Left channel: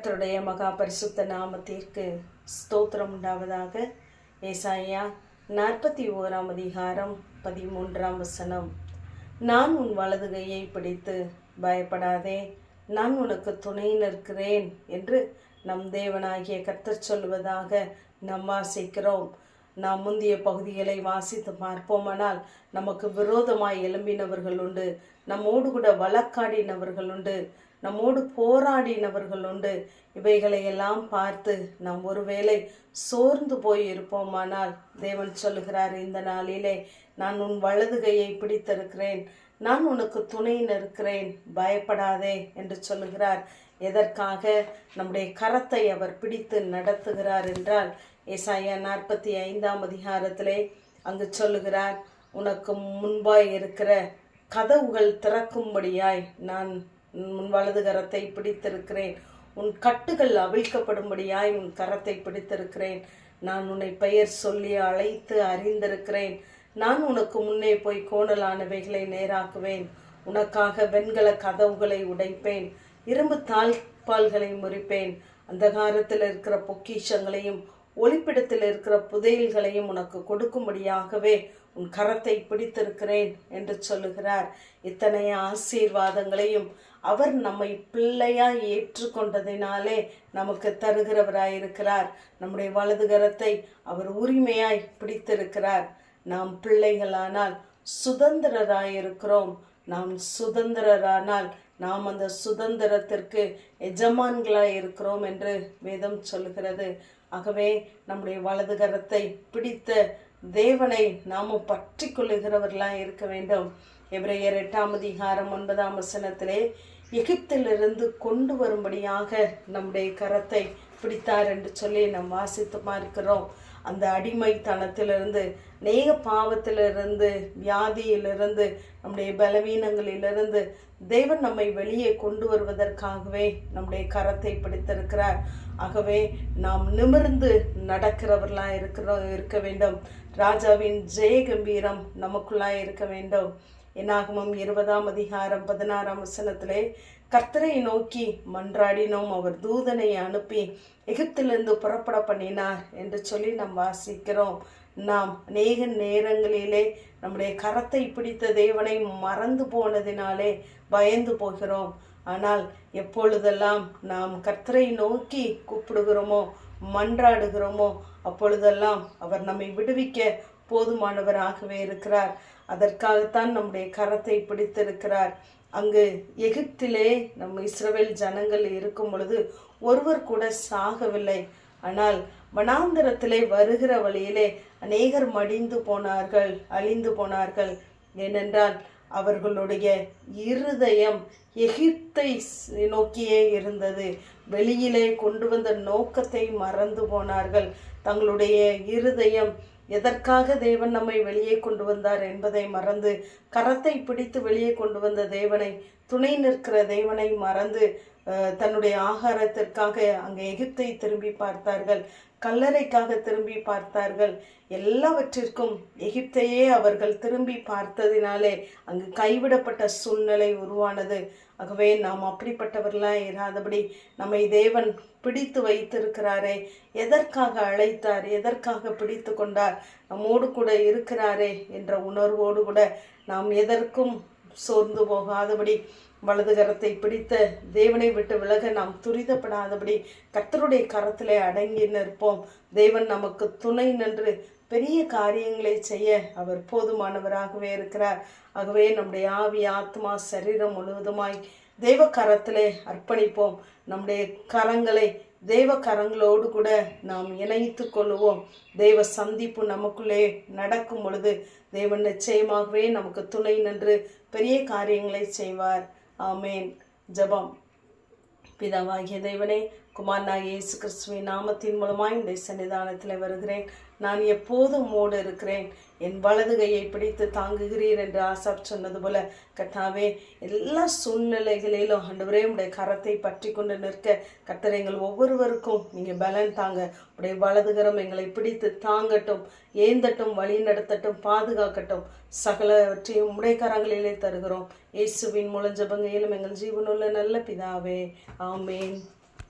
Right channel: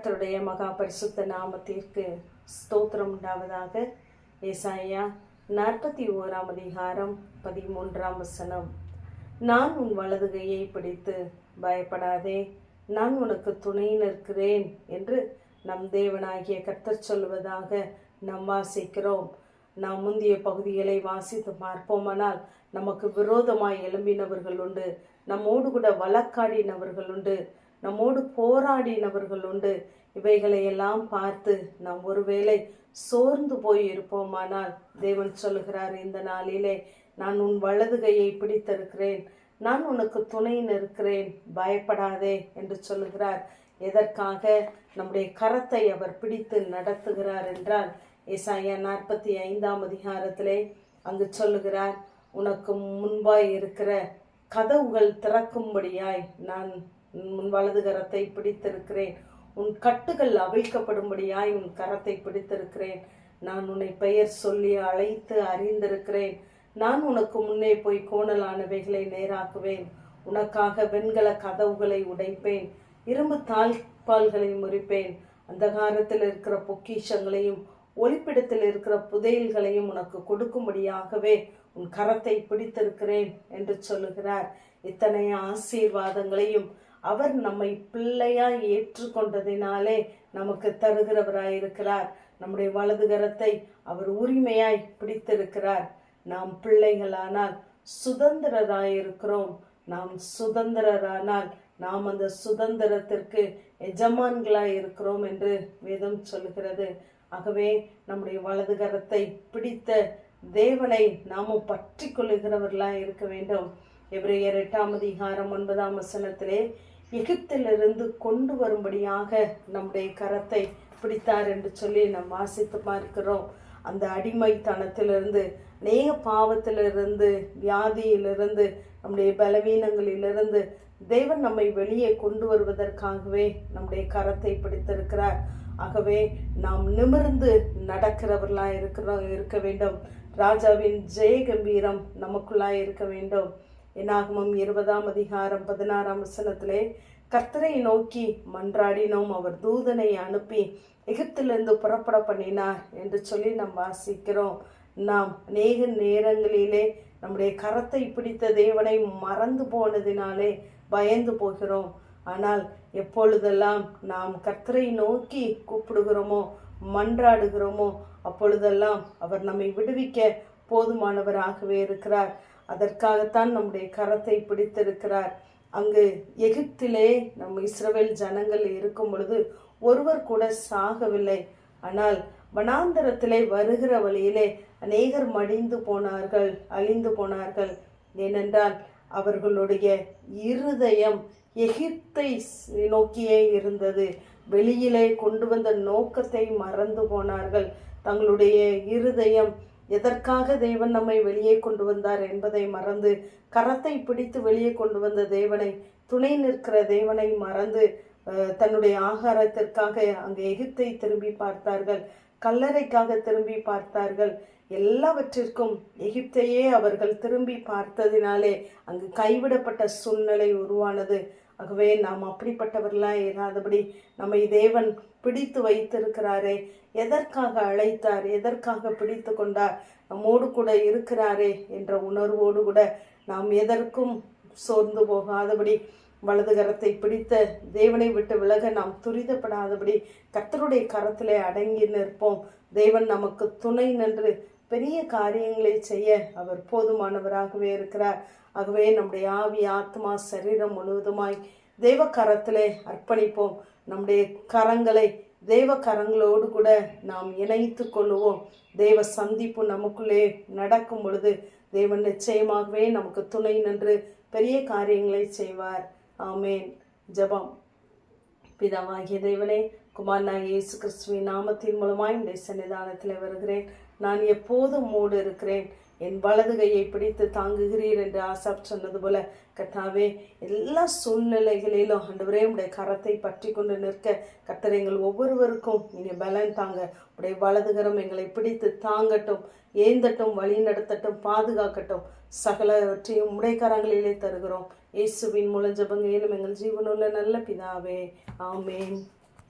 கர்த்தருடைய மகா பரிசுத்த நாமத்திற்கு ஸ்தோத்திரம் உண்டாவதாக. ஏசாயா நாற்பத்தி ஓராம் அதிகாரம் பதிமூன்றாம் வசனம். நான் உன் வலது கையை பிடித்து பயப்படாதே நான் உனக்கு துணை நிற்கிறேன் என்று நம் தேவனாகிய கர்த்தர் சொல்வதாக நாம் வாசிக்கிறோம். நாம் முந்தைய பகுதிகளை வாசித்து பார்ப்போமானால் நமக்கு விரோதமாய் எழும்பினவர்கள் உண்டு நம்மோடு கூட வழக்காடினவர்கள் உண்டு. நம்மோடு போராடினவர்கள் உண்டு. இவைகளை எல்லாம் பார்த்து நாம் ஒருவேளை சோர்ந்து போய் இருப்போமானால் தேவன் சொல்லுகிறார் இந்த நாளிலே நான் உன் வலது கையை பிடித்திருக்கிறேன். நான் உனக்கு துணை நிற்கிறேன். பயப்படாதே என்று சொல்லுகிறார். எதற்காக? நம்முடைய கரத்தை அவர் பிடித்து நடத்துகிறார் என்றால் ஏசாயா நாற்பத்தி ஐந்தாம் அதிகாரத்திலே அங்கு சொல்லுகிறார் உனக்கு முன்பாய் இருக்கிற கதவுகள் திறக்கும்படியாய் நான் உன் வலது கரத்தை பிடித்திருக்கிறேன். உன் கட்டுகள் அவிழ்க்கப்படும்படியாய் உன் கரத்தை பிடித்திருக்கிறேன். நான் உன்னை பெயர் சொல்லி அழைத்து அறிந்திருக்கிறேன். நான் உனக்கு முன்னே போய் கோணலானவைகளை நேராக்குவேன். உனக்காக வெண்கல கதவுகளை உடைப்பேன். இரும்பு தாழ்பால்களை முறிப்பேன். அந்தகாரத்தில் இருக்கிற பொக்கிஷங்களையும் ஒளிப்பிடத்தில் இருக்கிற புதையல்களையும் உனக்கு கொடுக்கும்படியாகவே உன் கரத்தை பிடித்திருக்கிறேன் என்று சொல்லுகிறார். இத்தனை ஆசீர்வாதங்களையும் அவர் நம்மை பிள்ளையாக ஏற்றுக்கொண்டதினாலே நமக்கு தருகிறவராயிருக்கிறார். நம்முடைய வலது கரத்தை அவர் உரிமையாய் பிடித்திருக்கிறார். நாம் பிள்ளைகளானால் சுதந்திரராயிருக்கிறோம். நாம் சுதந்திரரானால் நாம் அந்த சுதந்திரத்திற்கு எஜமான்களாய் இருக்கிறோம் என்று வேதம் சொல்லுகிறது ஆகவே நம்முடைய வலது கரத்தை பிடித்த தேவனை நாமும் பற்றி கொள்ளுகிறவர்களாக இருக்க வேண்டும். எபிரேயர் எட்டாம் அதிகாரம் ஒன்பதாம் வசனத்திலே எகிப்திலிருந்து கொண்டு வரும்படியாக நம்முடைய கரத்தை பிடித்தார் என்று சொல்லி நாம் வாசித்து பார்க்கிறோம். அந்த அடிமைத்தனத்திலிருந்து நேக பாவத்திலிருந்து வியாதியிலிருந்து நம்முடைய பலவீனங்களிலிருந்து தேவன் நம்மை வெளியே கொண்டு வருவதற்காகவே நம்முடைய கரத்தை பிடித்திருக்கிறார். ஆகவே நாம் நிமிர்ந்து நடக்கிறவர்களாக இருக்கிறோம் இருக்க வேண்டும். ராஜாவின் ஜெய கம்பீரம் நமக்குள்ளாய் இருக்க வேண்டும். என்னாகமும் இருபதாம் அதிகாரம் பதினாறாம் வசனத்திலே கர்த்தரை நோக்கி மன்றாடினோம். அவர் தூதனை அனுப்பி எகிப்திலிருந்து புறப்பட பண்ணினார் என்று சொல்லி நாம் வாசிக்கிறோம். நாம் அநேக நேரங்களிலே நம்முடைய கரத்தை பிடித்த தேவனை மறந்து போனதினாலே பயந்து போகிறோம். ஆனால் எப்பொழுதெல்லாம் நாம் கர்த்தரை நோக்கி கூப்பிடுகிறோமோ மன்றாடுகிறோமோ? அப்பொழுதெல்லாம் அவர் நம்மை விடுவிக்க போதுமானவராகவே இருக்கிறார். அதற்காகத்தான் நம்முடைய கரத்தை பிடித்திருக்கிறார். அங்கு எகிப்திலே நம் இஸ்ரவேல் ஜனங்கள் இருக்கும் பொழுது ஒருவர் கூட சாகவில்லை. ஆனால் வனாந்தரத்திலே வருகிற வழியிலே அநேகர் மடிந்து போனார்கள் அழிந்து போனார்கள். ஏனென்றால் அவர்களுடைய இருதயம் எகிப்தை நோக்கியே இருந்தது. வெளியிலே கொண்டு வந்த நோக்கத்தை மறந்து போனார்கள். தங்களுடைய இருதயம் எதற்காக தேவன் நம்மை வெளியே கொண்டு வந்தார் என்பதை மறந்து கரத்தை பிடித்து வெளியே கொண்டு வந்த தேவனை துணை நிற்கிற தேவனை மறந்து தன்னுடைய ஆகாரத்திற்காக அங்கே எகிப்தை திரும்பி பார்த்தார்கள். கல்லறைக்காக திரும்பி பார்த்தார்கள். எல்லாவற்றிற்கும் எகிப்தையே அவர்கள் திரும்பி பார்த்ததினாலே அங்கு கைவிடப்பட்ட சூழ்நிலை உருவானது. ஆகவே நாம் அப்படிப்பட்டவர்களாக இராதபடி நம்மை தேவன் பிடித்து வைத்திருக்கிறாரே. எதற்காக அழைத்தார்? எதற்காக பிடித்து கொண்டார்? நம்மோடு கூட இருக்கிறாரே என்ற உணர்வோடு கூட நாம் எதற்கும் சோர்ந்து போகாதபடி வலது கரத்தை பிடித்த தேவனை விட்டு விலக நாம் துரிதப்படாதபடி கர்த்தருடைய கரத்திலே அடங்கி நிற்போம். தேவன் நமக்கு துணை நின்று பெரிய காரியங்களை செய்ய அவர் போதுமானவராகவே இருக்கிறார். ஆகவே நம்முடைய ஆவி ஆத்மா சரீரம் முழுவதுமாய் தேவ கரத்திலே அர்ப்பணிப்போம். நம்முடைய கரங்களை தேவ கரங்களோடு கூட நாம் இணைத்து கொள்வோம் தெய்வ சந்திப்பு நமக்குள்ளே நடக்கும் பொழுது தேவன் நிச்சயமாகவே நமக்கு துணை நின்று பெரிய காரியங்களை செய்வார். ஆமேன். ஜபம். பிதாவாகிய தேவனே குமாரனாகிய இயேசு கிறிஸ்துவின் நாமத்தின் மூலமாய் இந்த சன்னிதானத்தில் வருகிறேன். நான் எப்போதும் மூடு இருக்கிறேன். என் வலது கையை பிடித்து தாங்குகிறீர் என்று ஆசாப் சொன்னது போல கர்த்தாவே எல்லா சூழ்நிலைகளிலும் ஆண்டவரே உடைய கரத்தை பற்றி கொண்டு நிற்க கர்த்தர் எங்கள் ஒவ்வொருவருக்கும் நீங்கள் பலன் தாங்க. உடைய வலதுகரம் எங்களை பிடித்து தாங்கட்டும் ஏந்தட்டும் வழி நடத்தட்டும் பாதுகாக்கட்டும். சகலவற்றையும் உடைக்கரங்களிலே தருகிறோம். இயேசுவின் மூலம் ஜபங்கையிலும் எங்கள் ஜீவனுள்ள நல்ல பிதாவே. ஆமேன்.